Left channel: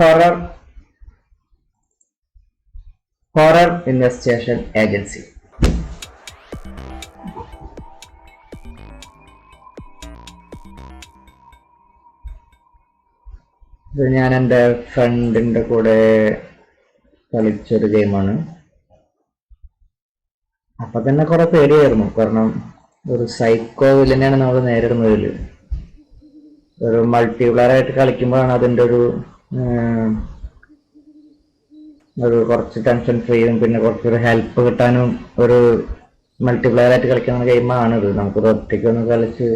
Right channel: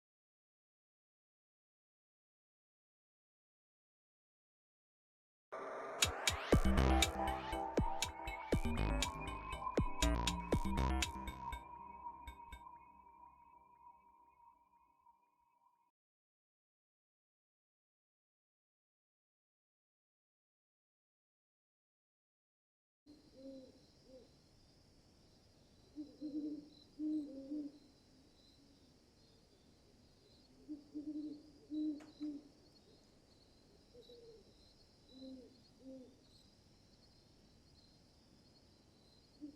Horror horror investigation agency. ഇത് ഞാൻ എൻ്റെ ഫ്രണ്ടിൻ്റെ കൂടെ കളിച്ചൊരു ഗെയിമാണ്. അപ്പൊ തന്നെ കുറെ പേടിയായിരുന്നു. കാരണം ഒരു സൈക്കോ വില്ലനെയാണ് നമ്മൾ നേരിടുന്നതിൽ. ഒരു മൾട്ടിപ്ലെയർ ആയിട്ട് കളിക്കുമ്പോഴാണ് അതിൻ്റെ ഒരു കുറച്ച് ടെൻഷൻ ഫ്രീയും പിന്നെ കുറച്ചൊരു ഹെൽപ്പ് കിട്ടാനും ഒരു മൾട്ടിപ്ലെയർ ആയിട്ട് കളിക്കുന്ന ഗെയിമാണിത്. നമുക്കൊരു ഒറ്റയ്ക്കൊന്ന് കളിച്ച്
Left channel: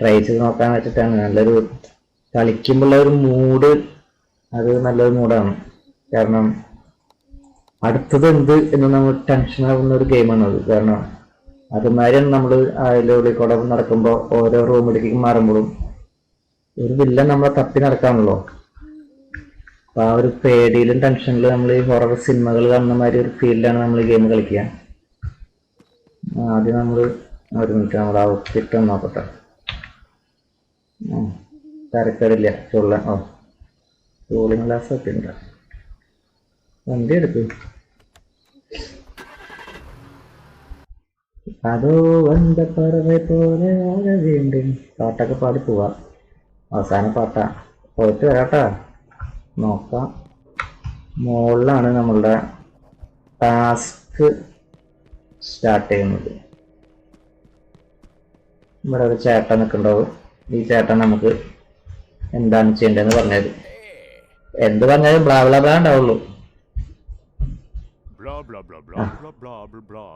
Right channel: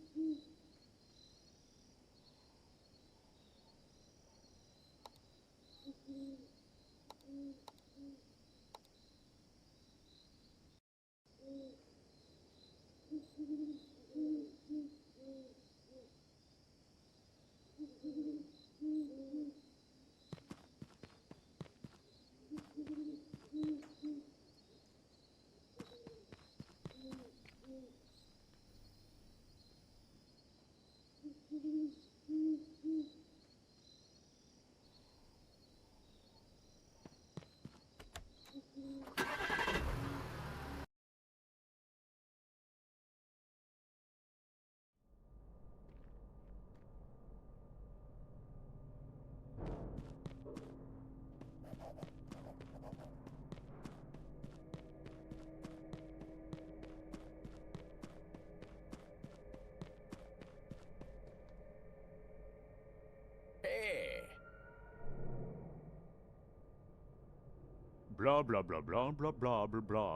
ട്രൈ ചെയ്ത് നോക്കാൻ വെച്ചിട്ടാണ്. നല്ലൊരു കളിക്കുമ്പോഴുള്ള ഒരു മൂഡ്, അത് നല്ലൊരു മൂഡാണ്. കാരണം അടുത്തത് എന്ത് എന്ന് നമ്മൾ ടെൻഷൻ ആവുന്ന ഒരു ഗെയിമാണ് അത്. കാരണം അതുമാതിരി നമ്മൾ അതിലൂടെ കൂടെ നടക്കുമ്പോൾ ഓരോ റൂമിലേക്ക് മാറുമ്പോഴും ഒരു വില്ലൻ നമ്മളെ തപ്പി നടക്കാണല്ലോ. അപ്പൊ ആ ഒരു പേടിയിലും ടെൻഷനിലും നമ്മൾ ഈ ഹൊറർ സിനിമകൾ കാണുന്ന മാതിരി ഒരു ഫീൽഡിലാണ് നമ്മൾ ഈ ഗെയിം കളിക്കുക. ആദ്യം നമ്മൾ ഒരു മിനിറ്റ് നമ്മൾ ഔട്ട്ഫിറ്റ് ഒന്ന് നോക്കട്ടെ. തരക്കേടില്ല. കൂളിംഗ് ഗ്ലാസ് ഒക്കെ ഉണ്ട്. വണ്ടി എടുത്തു. അതോ വந்த പറവ പോലെ വീണ്ടും പാട്ടൊക്കെ പാടി പോവാ. അവസാന പാട്ടാ. പോയിട്ട് വരാട്ടാ. നോക്കാം. മുകളിലാണ് നമ്മളുടെ ടാസ്ക് സ്റ്റാർട്ട് ചെയ്യുന്നത്. ഇവിടെ ഒരു ചേട്ടൻ നിൽക്കുന്നുണ്ടാവും. ഈ ചേട്ടൻ നമുക്ക് എന്താണ് ചെയ്യേണ്ടതെന്ന് പറഞ്ഞത്. എന്ത് പറഞ്ഞാലും ബ്ലാ ബ്ലാ ബ്ലാ ഉണ്ടാവുള്ളൂ. Blah blah blah blah blah blah blah blah.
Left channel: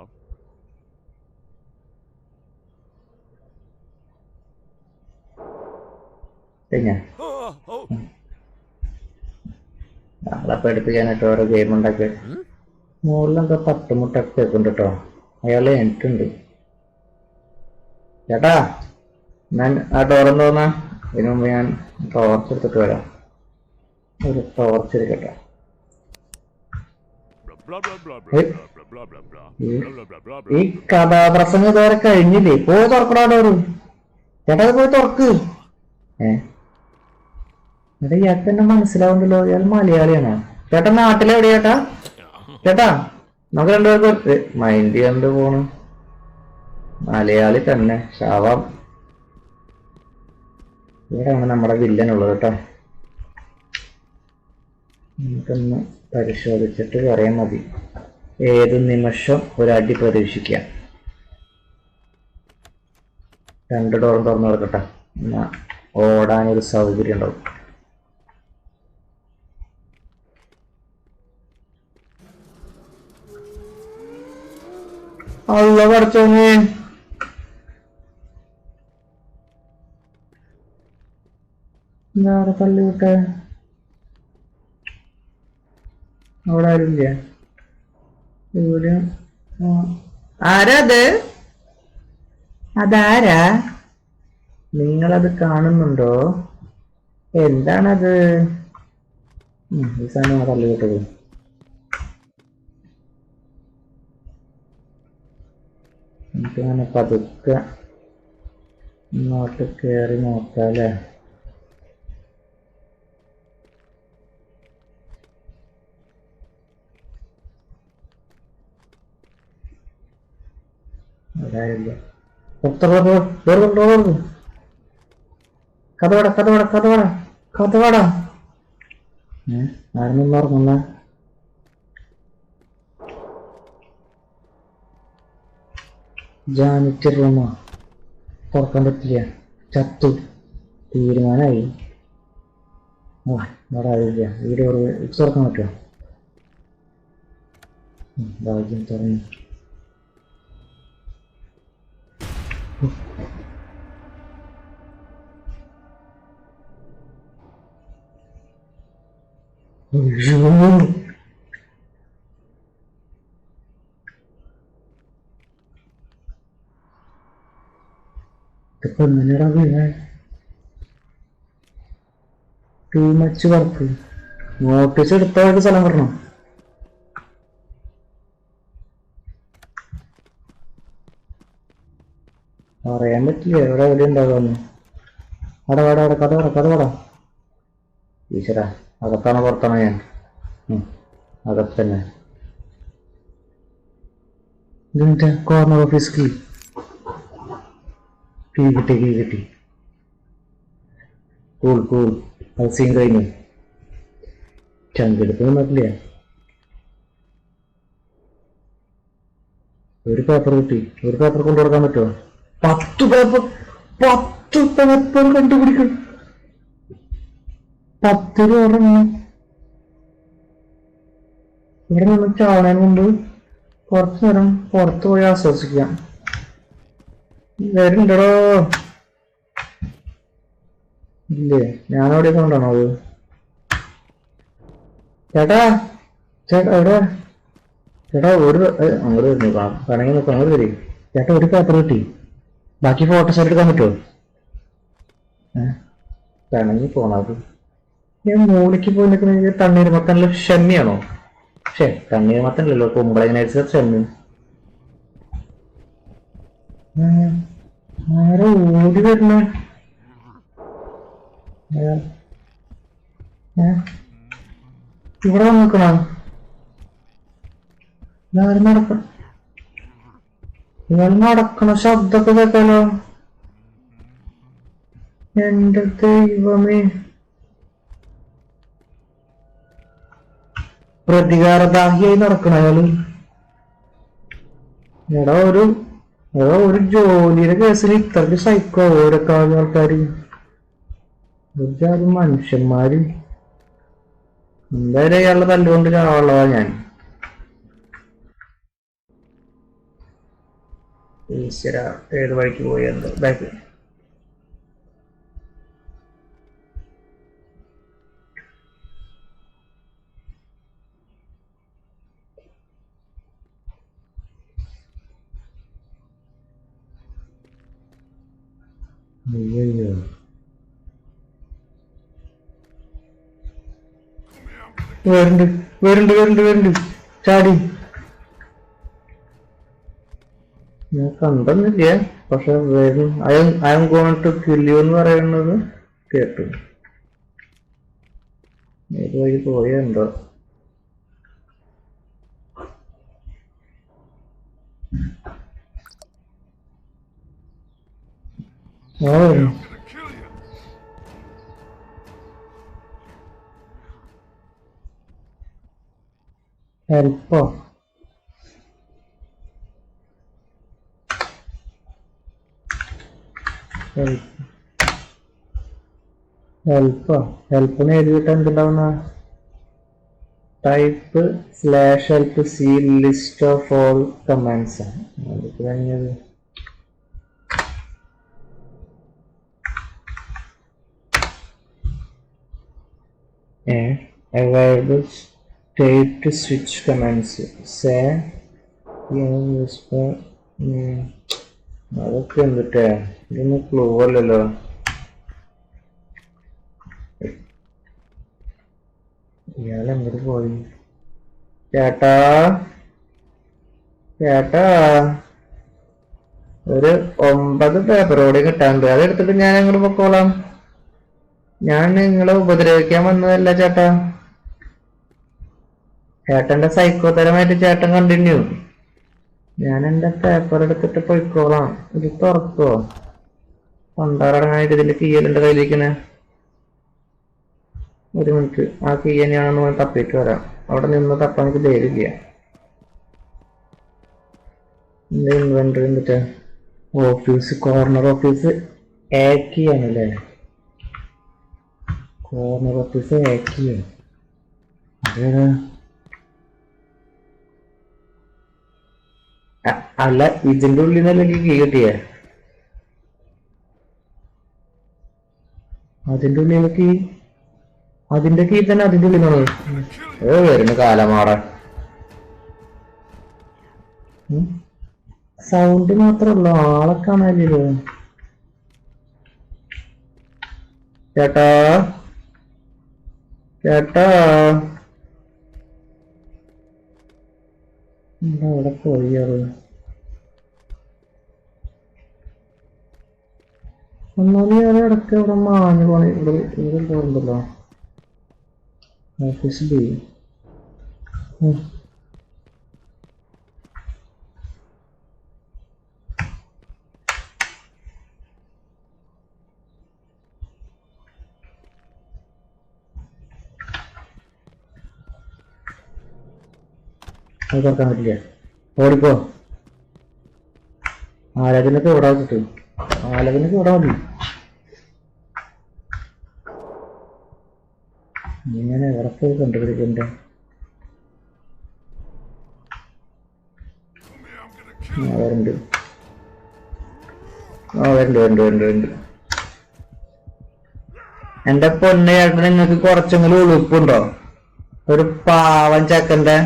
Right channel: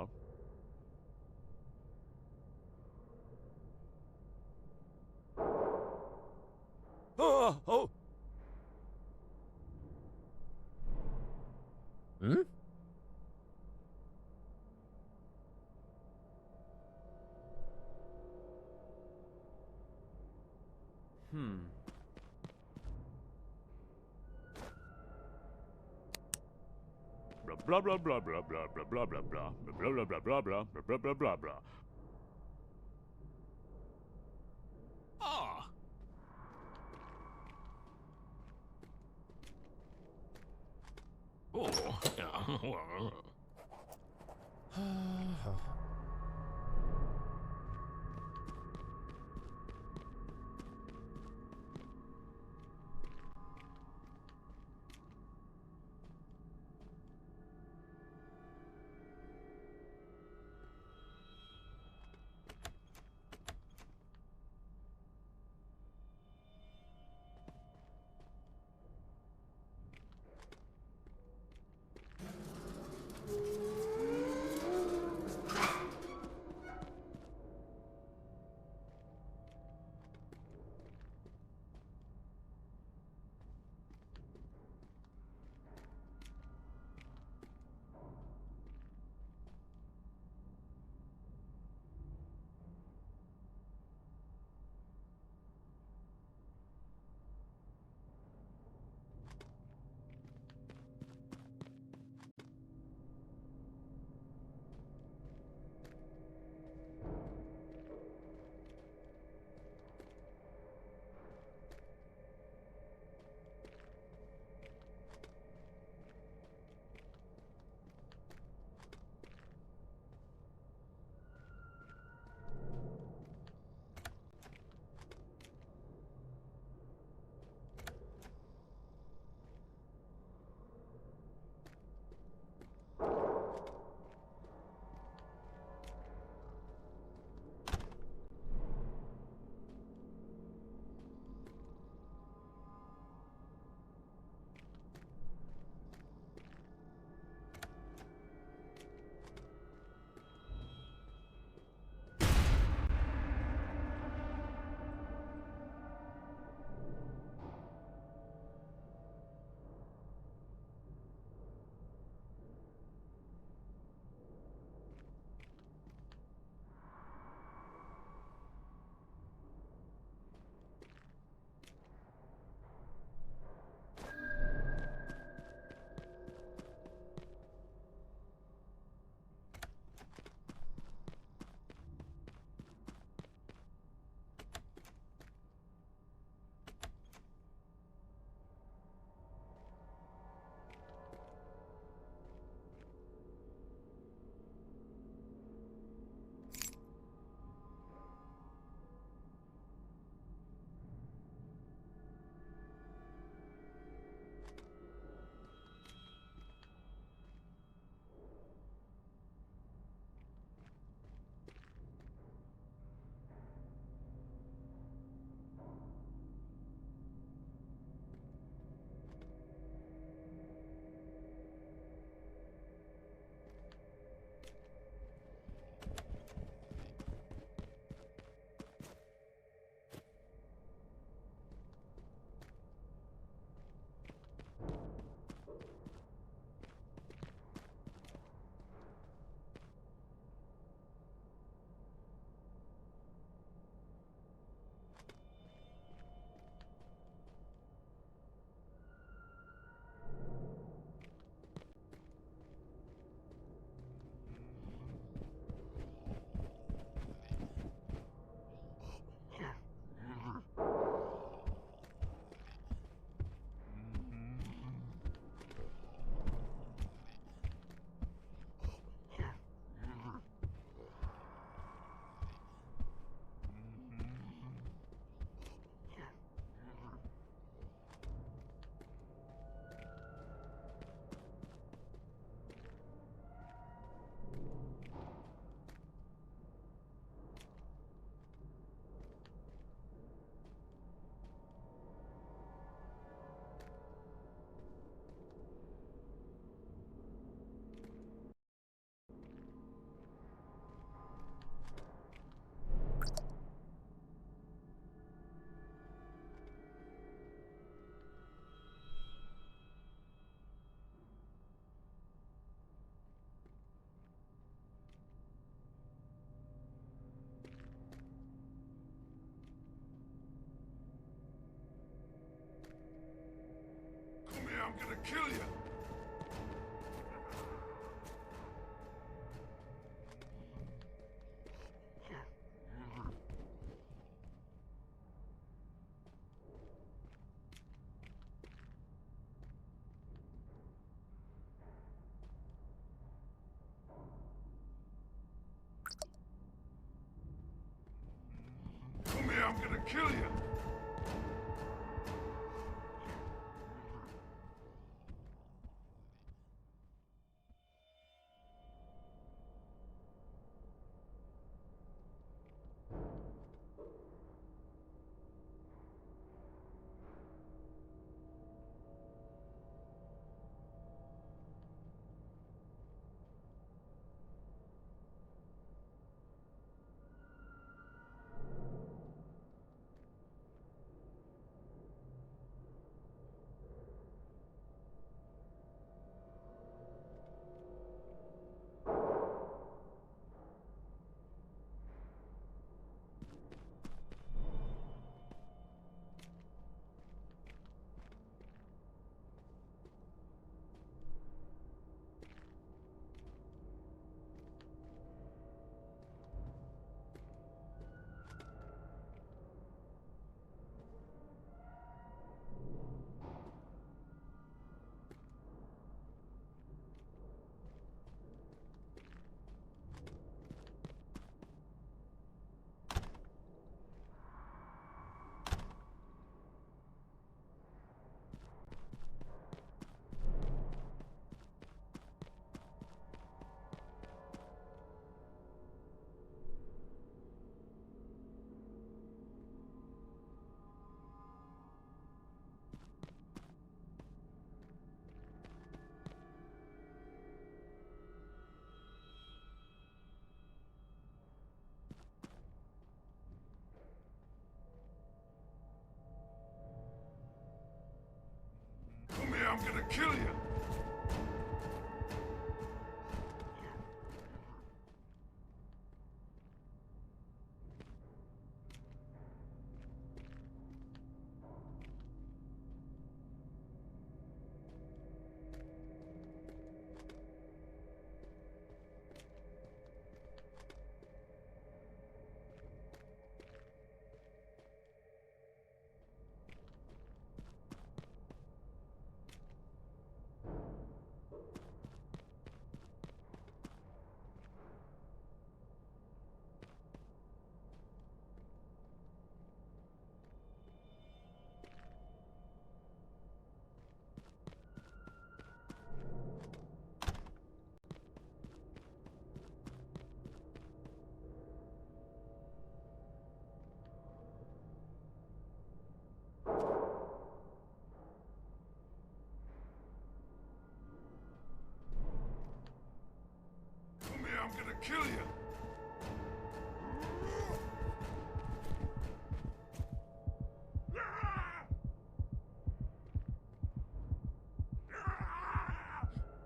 ഞങ്ങളെ പഠിപ്പിക്കാനായിട്ട് ഓരോ ഗെയിം ഉണ്ടാക്കി. മുകളിലെന്തോ തട്ടുമുട്ടൊക്കെ വെക്കുന്നുണ്ട് കേട്ടോ. അയാൾ എനിക്കുണ്ട്. ചേട്ടാ, ഞാൻ ആ ഡോറെന്ന് തോന്നാ. ഇതിനു മുമ്പ് ഞാൻ ടോർച്ച് എടുത്തിട്ട് വരാം. ഒരു ടോർച്ച് എടുക്കട്ടെ. ഈ കഥാപ്രസംഗം ഇതുവരെ കഴിഞ്ഞില്ലേ? പോയി തുറക്കടാ ഡോറ്. ചേട്ടാ പോയി തുറക്ക്. ഇവിടെ ഇയാൾക്ക് തന്നെ മനസ്സിലാവുന്നല്ലോ. ഇയാൾ മലയാളിയാണോ? ചേട്ടാ നാട്ടിലെവിടെയാ ചേട്ടാ? ചേട്ടാ നമുക്ക് രണ്ടുപേർക്ക് മൈൻഡ് കണ്ടു പോണു. മലയാളി തന്നെ. ശാവാം. ഇവിടെയാണ് നമ്മുടെ വില്ലനുള്ളത് കേട്ടോ. നമുക്കൊന്ന് പരിശോധിച്ചിട്ട് പറയാൻ മതി. ഏത് നിമിഷം ഒരടി പ്രതീക്ഷിക്കാം. 2 ഡോറും തുറന്നു കൊടുക്കട്ടെ. എന്നാ ഓടാനൊരു സൗകര്യം ഉണ്ടാവും. അല്ല പഠിച്ചോന്ന് എന്താ തള്ളി വിട്ടെ. അവിടെ ആരുമില്ല. ഇവിടെ ആരാ അത്? അതാരാ? നിങ്ങളത് കാണുന്നുണ്ടോ? എന്താണത്? ഈ സാധനം തള്ളി വിട്ടത്. എനിക്കങ്ങനെ പതുക്കെ ഇങ്ങോട്ട് കയറി നോക്കാല്ലേ. അതായില്ല. കഥവാടാ. ആരെന്നും ഓർമ്മ. ജാനിറ്റർ റൂമാ. തുറക്കാൻ പറ്റില്ല. ചത്തു. തീരുമാനമായി. ഇവിടെ ആയില്ല. വീട് തുറക്കാൻ പറ്റുമോ? ഭാഗ്യം തുറന്നു. ഇതിപ്പോ എങ്ങനെയാ വീണേ? Too much work. നോട്ടീസ് എടുത്തവർക്ക് സ്ഥലം വരണം. പറയാൻ പറ്റില്ല എവിടെ എവിടെ ഉണ്ടാകാന്ന്. കഥ ഈശ്വരാ. അകത്താണോ പുറത്താണോ ഞാൻ? അകത്ത് തന്നെ. ഇതിന്റെ കോർണർ ഓഫീസ് കീ കിട്ടി. കൂൾ അത് സീൻ കഴിഞ്ഞു. ചങ്കെടുപ്പ് നോക്കില്ല. ഒരു പേപ്പർ കിട്ടി. ഒരു പേപ്പർ കൊണ്ടു കൊടുക്കാൻ പറ്റുമോ? 10 പേപ്പർ കണ്ടുപിടിക്കും. 10 രൂപ ഇവിടെ നിന്ന് ചാടാൻ മുമ്പ് കുറച്ചു നേരം പുറത്തു പോയി ആസ്വദിക്കാം. വരുന്നുണ്ടോ? ഇല്ലേ, ഞാനവിടെ കൊണ്ടാണോ അത്? ചേട്ടാ എവിടെ? ചേട്ടാ അങ്ങോട്ട് വരുന്നു. കണങ്ങി നോക്കാം, അങ്ങോട്ട് വരും. ചേട്ടാ ഒരു പേപ്പർ കിട്ടി. ബാക്കി ഫോട്ടോസ് എടുക്കാൻ പറ്റുമോ? കണങ്ങി പോണത്. ഞാൻ മൂളിക്ക് പോയി നിൽക്കുന്ന തണ്ണീർമത്തനിലെ ഷെമ്മിയാണോ? തണ്ണീർമത്തനല്ലോ, കുമ്പളങ്ങ ഷെമ്മി. ആരോ ഓടി വരണേ. ഇവിടെ നിൽക്കണോ? ഇയാൾ നടക്കണ ശബ്ദമൊക്കെ കേട്ടാലോ? എന്റെ ദൈവമേ, പ്രതികാരദാഹിയായി നടക്കണ അയാള്. എടാ ഒരു ജോലിയുടെ കേസിൽ ഇത്രയ്ക്ക് സൈക്കോ ഓരോ ആൾക്കാര്. ഒരുപാട് മനുഷ്യന്മാര്. എന്തായാലും അയാളുടെ തല്ലുകൊണ്ട് ചാവുള്ളതാ ഞാൻ. ഈശ്വര, ഏത് വഴിക്ക് പോയി എന്തോ ബാക്ക്. അയ്യോ, വരുന്നുണ്ട് ചാടി. ഞാൻ കണ്ടെന്നില്ല, പക്ഷെ വരും. I'm going to kill you എന്ന് പറയുന്നത് കേട്ടു. ഏത് വഴി പോയെന്തോ. ഹെൽപ്പോ? ഹെൽപ്പിന് എഴുതിയിട്ട് എന്തുണ്ടാവുന്ന? Type /help see list of all commands ആണ് അതൊക്കെ കഴിഞ്ഞത്. available state switch commands say അതൊക്കെ എന്തിട്ടാ? ഇതൊന്നും ക്ലൂ അല്ലല്ലോ. ഇയാളെങ്ങോട്ട് പോയി? ചേട്ടാ ഒരു 9 പേപ്പറോടെ കിട്ടാണ്ട്. അതെടുത്തിട്ട് ഞാൻ അങ്ങോട്ട് പൊക്കോളാം. ഞാൻ നിങ്ങളെ ഉപദ്രവിക്കാൻ വന്നതല്ല ചേട്ടാ. ചേട്ടന്റെ സൈക്കോതരമായിട്ട് ചേട്ടൻ കണ്ടിന്യൂ. ഞാൻ എന്റെ പേപ്പർ എടുത്തിട്ട് പോയിക്കോളാം. ഇത് തുറക്കോ? പണ്ടാറടങ്ങാനായിട്ട് ഇതിന്റെ കീയലുണ്ട് കയ്യിലിരിക്കണേ. ഒരു മിനിറ്റ്, ആ കീ തന്നെയാണെന്ന് തപ്പിയിട്ട് വരാം. അവിടെ നിന്ന് തപ്പാൻ എനിക്ക് ധൈര്യമില്ല. എന്റെ ഇൻവെന്ററി എന്നിട്ട് ഓഫീസ്, കോർണർ ഓഫീസ് ആക്കി ആണല്ലേ? കോർണർ ഓഫീസ് ആക്കിയോ? അതേതാ? അല്ല, ഇതിന്റെ ഉള്ളിൽ നിന്നല്ലെങ്കിൽ കീ കിട്ടിയേ? അതിന്റെ ഉള്ളിലേക്ക് അതിന്റെ കീ തന്നെ അതിന്റെ ഉള്ളിൽ നിന്നാണ് വരുന്ന കാലമാറാൻ. സൗണ്ട് മാത്രമല്ല, ആളെ കാണാനില്ലല്ലോ. ചേട്ടാ അവിടെ പോയാറ്. ഒന്നാമത് ഞാൻ ഇടയ്ക്ക് ഇവിടെ മാഞ്ഞു പോണ ഇവിടെ പോകണ്ടല്ലോ. Office B. അത് തുറക്കാൻ പറ്റില്ല. ഓടിപ്പോ. ആലതിനൊക്കെ ഓടാ കിട്ടും. ആലതിനൊക്കെ ഓടാ മതി. ഇങ്ങനെ ഉറപ്പ് കണ്ടുപിടിക്കണ്ട. വരുന്നുണ്ട്. വരുന്നുണ്ട്. എന്റെ പൊന്നെ ചേട്ടൻ, നിങ്ങക്ക് കുറച്ചെങ്കിലും ഉളുപ്പുണ്ടോ? ഒരു പാവൻ ചെക്കന്റെ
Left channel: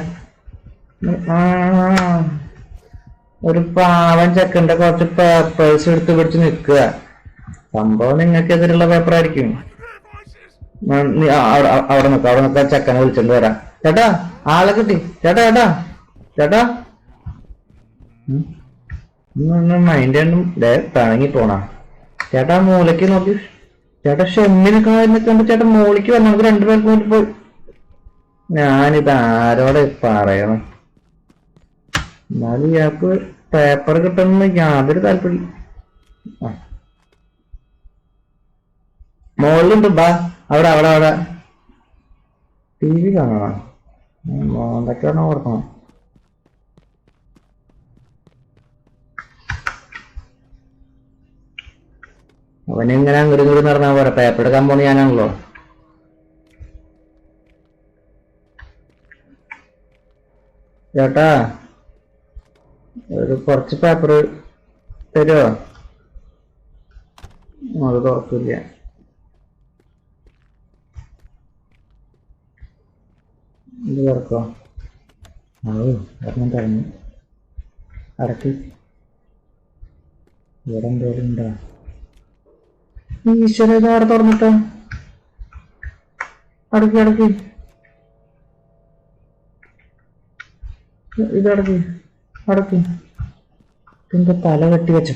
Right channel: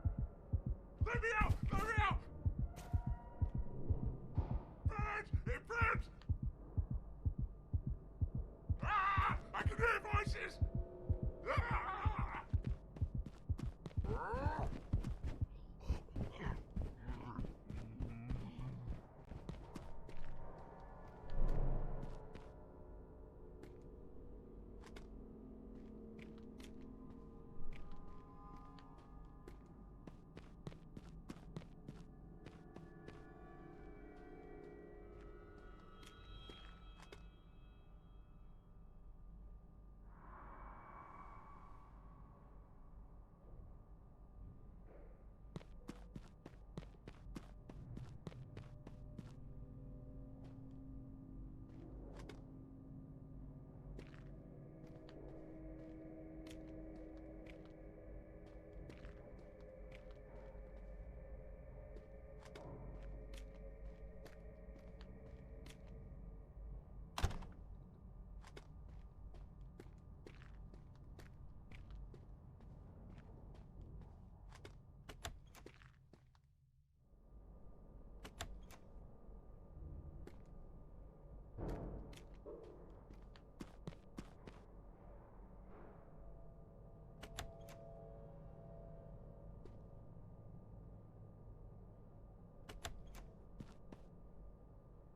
കുറച്ച് പേപ്പേഴ്സ് എടുത്ത് പിടിച്ച് നിക്കുക. സംഭവം നിങ്ങൾക്ക് എതിരുള്ള പേപ്പർ ആയിരിക്കും. അവിടെ നിൽക്ക ചെക്കനെ വിളിച്ചോണ്ട് വരാം. ചേട്ടാ ആളെ കിട്ടി. ചേട്ടാ മൈൻഡ് രണ്ടും പിണങ്ങി പോണ. ചേട്ടാ മൂലക്ക് നോക്കി. ചേട്ടാ ഷെമ്മിനെ കണ്ട് ചേട്ടാ മോളിക്ക് വന്നു. നമുക്ക് രണ്ടുപേർക്കും വേണ്ടി പോയി. ഞാനിത് ആരോടെ പറയണം? എന്നാലും ഇയാൾക്ക് പേപ്പർ കിട്ടണമെന്ന് യാതൊരു താല്പര്യം. മോളിലുണ്ട്. ബാ അവിടെ ടി വി കാണണം. എന്തൊക്കെയാണോ ഓർക്കണം. അവനെങ്ങനെ അങ്ങോട്ട് ഇങ്ങോട്ട് നടന്നാ പോരാ. പേപ്പർ എടുക്കാൻ പോണ ഞാനാണല്ലോ. ചേട്ടാ ഒരു കുറച്ച് പേപ്പർ തരുമോ? അത് തുറക്കില്ല. ഇത് തുറക്കോ? ഒരെണ്ണം തറഞ്ഞു. അടക്കി. ഇവിടെ എന്തേലും ഉണ്ടോ? ഈശ്വര, ഇതാടെ തുറന്നിട്ടോ? അടക്കി. അടക്കി. ഇതിന്റെ തല വെട്ടി വെച്ചേ.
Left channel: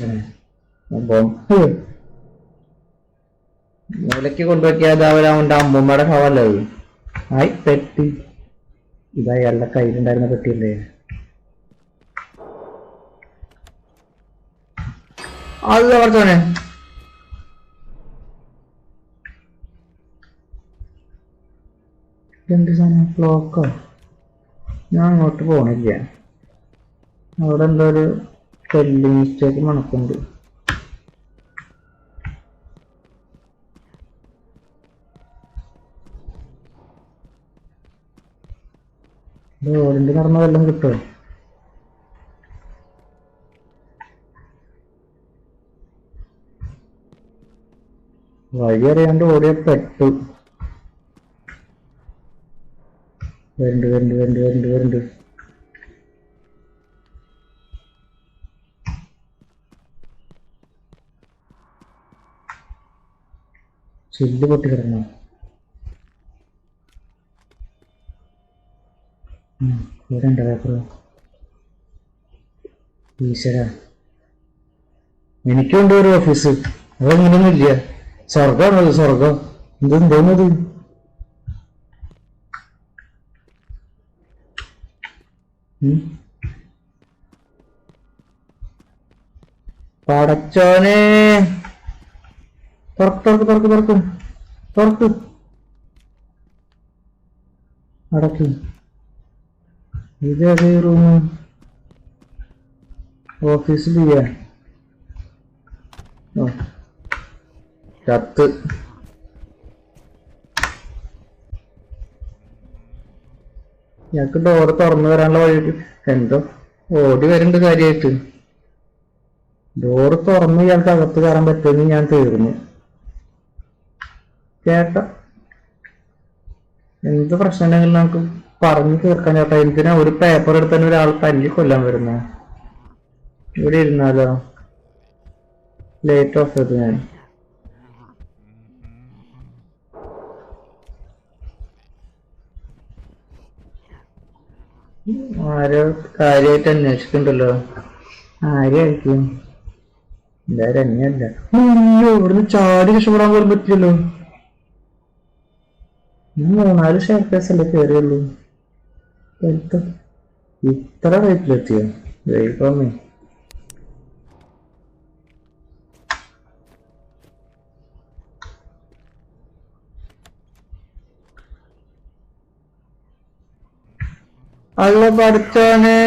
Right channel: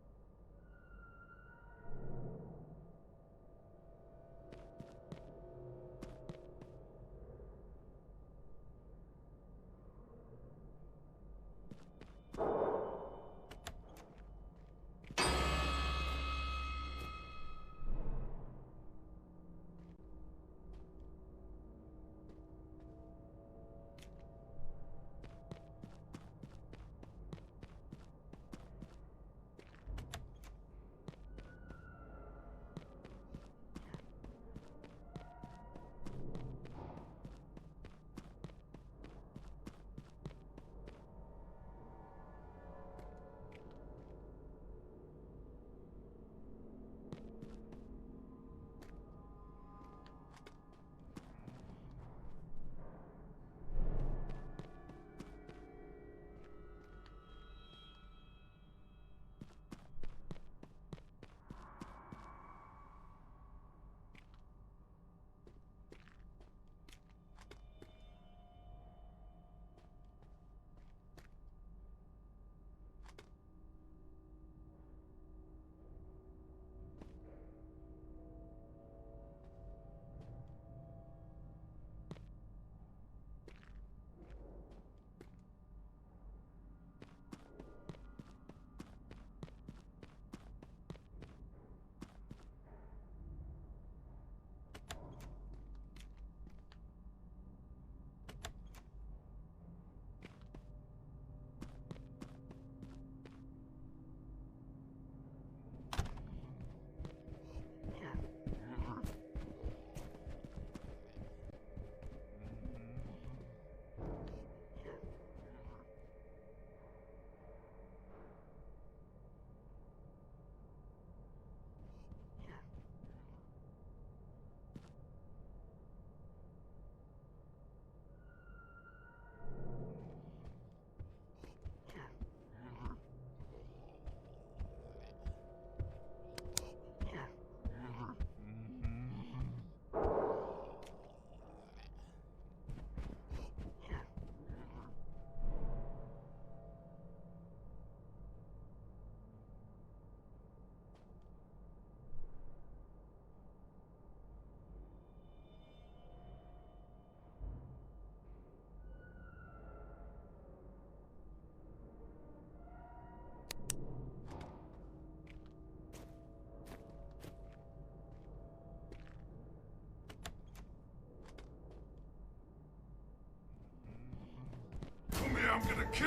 മൂലയ്ക്ക് കൊണ്ടുവയ്ക്കാതെ അവൻ്റെ അമ്മൂമ്മയുടെ ശവല്ലേ അത്. ആയി പെട്ടി. ഇതാ അയാളുടെ കയ്യിലുണ്ടായിരുന്ന പെട്ടിയല്ലേ അത്? പറഞ്ഞോനെ എന്ത് സാധനം? ക്ലോക്കോ? ഞാൻ അങ്ങോട്ട് പോണില്ല. അവിടെ എന്തോ ഒരു സ്പെല്ലിംഗ് മിസ്റ്റേക്ക് മണക്കുണ്ട്. ഓടിന്റെ നടന്ന വല്ലതും കിട്ടുമോ? വഴി അറിയാണ്ട് ഓടിയ പെട്ടു. വരുന്നുണ്ട്. ചില്ല് പൊട്ടി കിടക്കണോ? ഇവിടെ ഉണ്ടോ പേപ്പർ? ഈശ്വര, എനിക്കുണ്ട് ഒരു ഓഫീസ്. അതങ്ങനെയൊന്നും ഇല്ല. സ്വർഗമാണത്, സ്വർഗം. എന്തോന്നത്? പടച്ചോനെ, തുറക്ക്. അടക്കി. ഇതേ റൂം? ഓഫീസിൽ കത്ത്. ഞങ്ങക്ക് ഡോറ് തുറന്നു വരാനുള്ള വഴി എന്തോ ഓടി വരുന്നുണ്ട് കാര്യമായിട്ട്. ഡോറ് തുറന്ന് ഇയാൾക്ക് അകത്ത് കയറാൻ പറ്റുമെന്ന് ഞാൻ തീർന്നു. ചേട്ടാ എന്ത് പ്രശ്നം ഉണ്ടെങ്കിലും നമുക്ക് പറഞ്ഞു തീർക്കാൻ ചേട്ടാ. എന്തിനാ ഒരു പേപ്പർ എടുത്തന്നെ ഒരാൾ തല്ലി കൊല്ലാൻ വരുന്ന? ഇവിടെ ഇരുന്നാലോ? ലേറ്റ് ഓഫ് ചെയ്ത് ഞാൻ. ആരോ കാര്യമായിട്ട് അന്വേഷിക്കണ്ടല്ലോ. ആരെയായിരിക്കും? എന്തായാലും എന്നെയല്ല. ഇവിടുന്ന് ചാടി രക്ഷപ്പെടാൻ പോലും പറ്റില്ലല്ലോ. മൂന്നാല് ഷെയർ കേസ് അല്ലേ കയറിയുള്ളൂ. ഇത്ര റേറ്റിലെത്തിയോ ദൈവമേ. അല്ല പഠിച്ചോനെ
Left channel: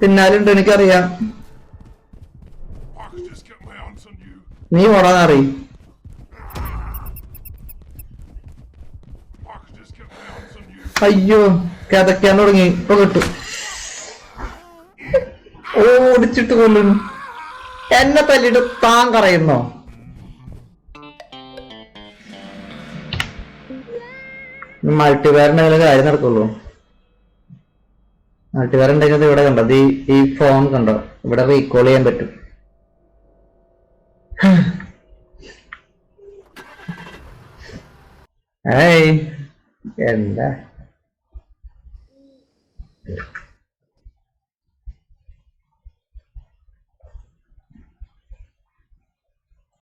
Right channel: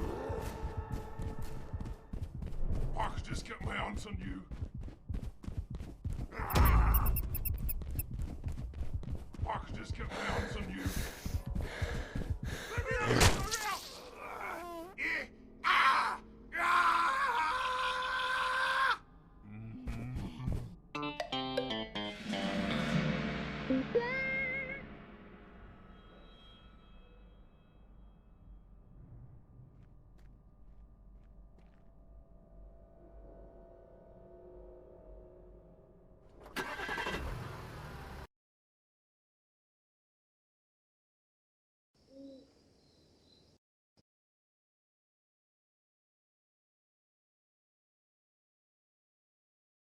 പിന്നാലുണ്ട് എനിക്കറിയാം. I could just get my hands on you. നീ ഓടാന്നറി. I could just get my hands on you. അയ്യോ കിതയ്ക്കാൻ തുടങ്ങി. ഇപ്പൊ കിട്ടും. ഓടിച്ചിട്ട് കൊല്ലുന്നു. എന്നെ തല്ലിട്ട് താൻ കറയുന്നോ? മൾട്ടിവെയറിന്റെ കാര്യം നടക്കുള്ളൂ. മൾട്ടിവെയർ ഉണ്ടെങ്കിൽ ഇവിടെ കണ്ടോ, ഈ ഫോൺ കണ്ടോ, ഇവിടെ റീകോൾ ചെയ്യാൻ പറ്റും. ഏയ് എന്താ